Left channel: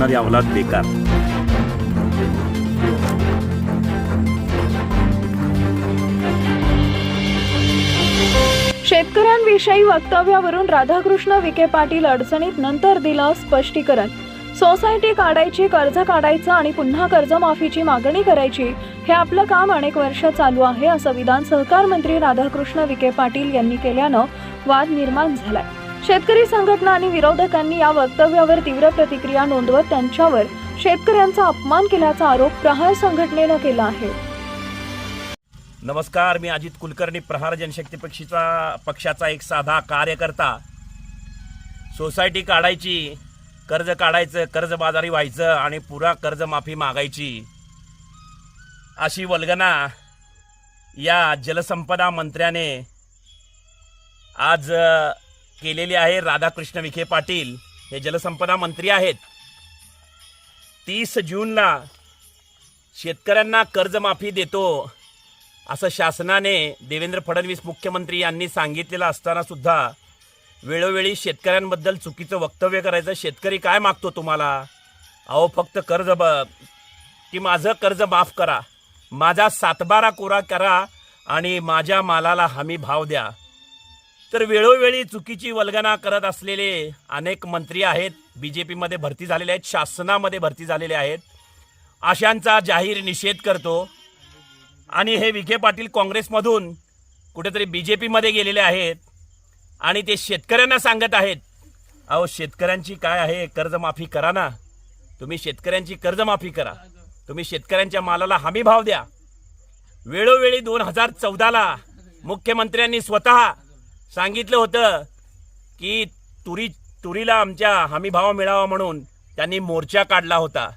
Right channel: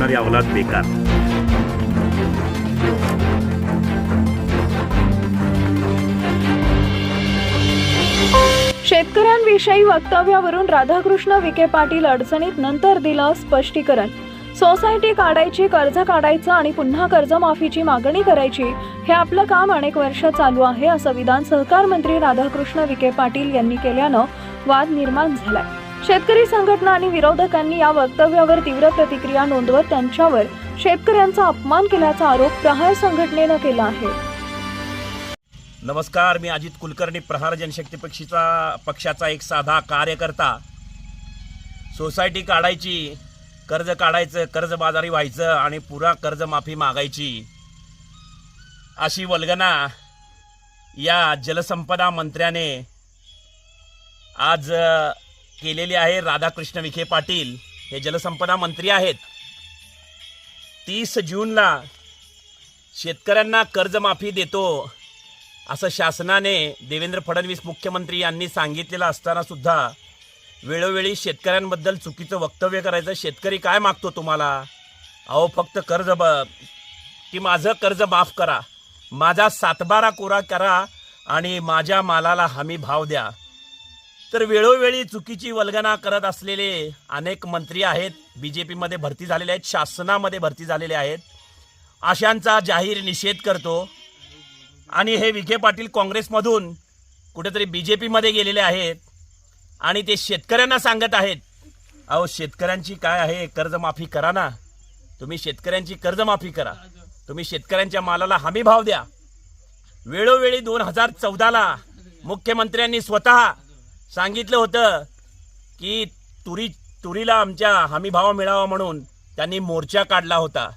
करणारी अवलाद बेकार. शेतकऱ्यांविषयी वक्तव्यावरून राधाकृष्ण विखे पाटील अडचणीत नंतर दिलं स्पष्टीकरण. सोसायटी काढायची कर्ज काढायचं आणि पुन्हा कर्जमाफीची मागणी करायची हे आपलं काम अनेक वर्ष चालू आहे असं विधान सहकार मंत्री राधाकृष्ण विखे पाटील यांनी केल्यानं वाद निर्माण झालाय. शेतकरी संघटना आणि विरोधकांनी या वक्तव्यावर तीव्र प्रतिक्रिया नोंदवत त्यांच्यावर शेतकऱ्यांचा अपमान केल्याचा आरोप प्रहार संघटनेनं केला आहे. नमस्कार मी अजित कुलकर्णी प्रहार जनशक्ती पक्षीचा पक्षाचा एक साधा कार्यकर्ता. सोसायटी काढायची कर्ज काढायचं कर्जबाजारी व्हायचं आणि पुरा कर्जमाफी मागायची. अशी वल्गना या जलसंपदा मंत्र्याने आज केलेली आहे राधाकृष्ण विखे पाटील. हे जलसंपदा मंत्री आहेत. तीस जूनला शेतकऱ्यांना कर्जमाफी देतो असं शासनाने देवेंद्र फडणवीस मुख्यमंत्री यांनी सांगितलेलं असताना सुद्धा वेळोवेळी शेतकऱ्यांबद्दल चुकीचं वक्तव्य करायचं शेतकरी काय मागतो तुम्हाला? अहो फक्त कर्ज ब की माझं कर्ज माफ करा. माझा सातबारा कोरा करा आणि माझ्या मालाला हमी भाव द्या. तर वेळोवेळी चुकीची वल्गना करत असलेले अनेक मंत्री आहेत. बी जे पीमध्ये भरती झालेले आहेत. शासनामध्ये भरती झालेले आहेत. अशांचा जाहीर निषेध करतो. आणि हे विखे पाटील काँग्रेसमधून कुठेतरी बी जे पीमध्ये गेलेले आहेत. आणि ते शेतकऱ्यांना सांगत आहेत अहो शेतकऱ्यांची काय आहे? कर्जमाफी करा ना. तुम्ही शेतकऱ्यांची कर्जमाफी करा. तुम्ही शेतकऱ्यांच्या मालाला हमी भाव द्या. वेळोवेळी दोन हजार चौदाला मुख्यमंत्र्यांनी स्वतः सांगितलं होतं की तुरी तुरीला आमच्या हमी भाव मिळावा म्हणून त्यांनी मोर्चा काढला होता.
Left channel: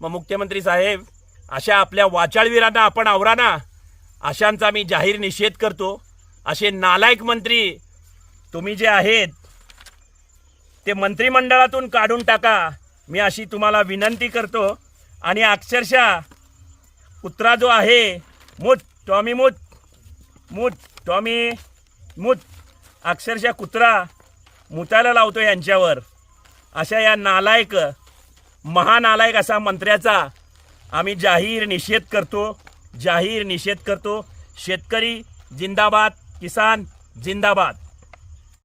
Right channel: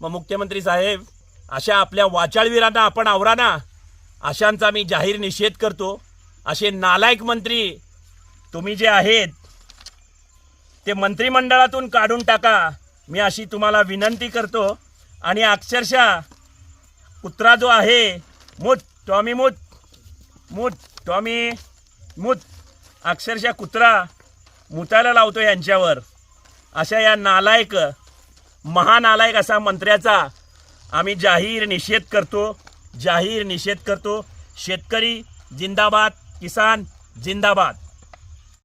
मग मुख्यमंत्री साहेब अशा आपल्या वाचाळवीरांना आपण आवरा ना अशांचा मी जाहीर निषेध करतो. असे नालायक मंत्री तुम्ही जे आहेत ते मंत्रिमंडळातून काढून टाका. मी अशी तुम्हाला विनंती करतो. आणि अक्षरशः कुत्रा जो आहे मूत टॉमी मूत मूत टॉमी मूत अक्षरशः कुत्रा मुतायला लावतो यांच्यावर. अशा या नालायक महानालायक असा मंत्र्याचा आम्ही जाहीर निषेध करतो जाहीर निषेध करतो. शेतकरी जिंदाबाद किसान जिंदाबाद.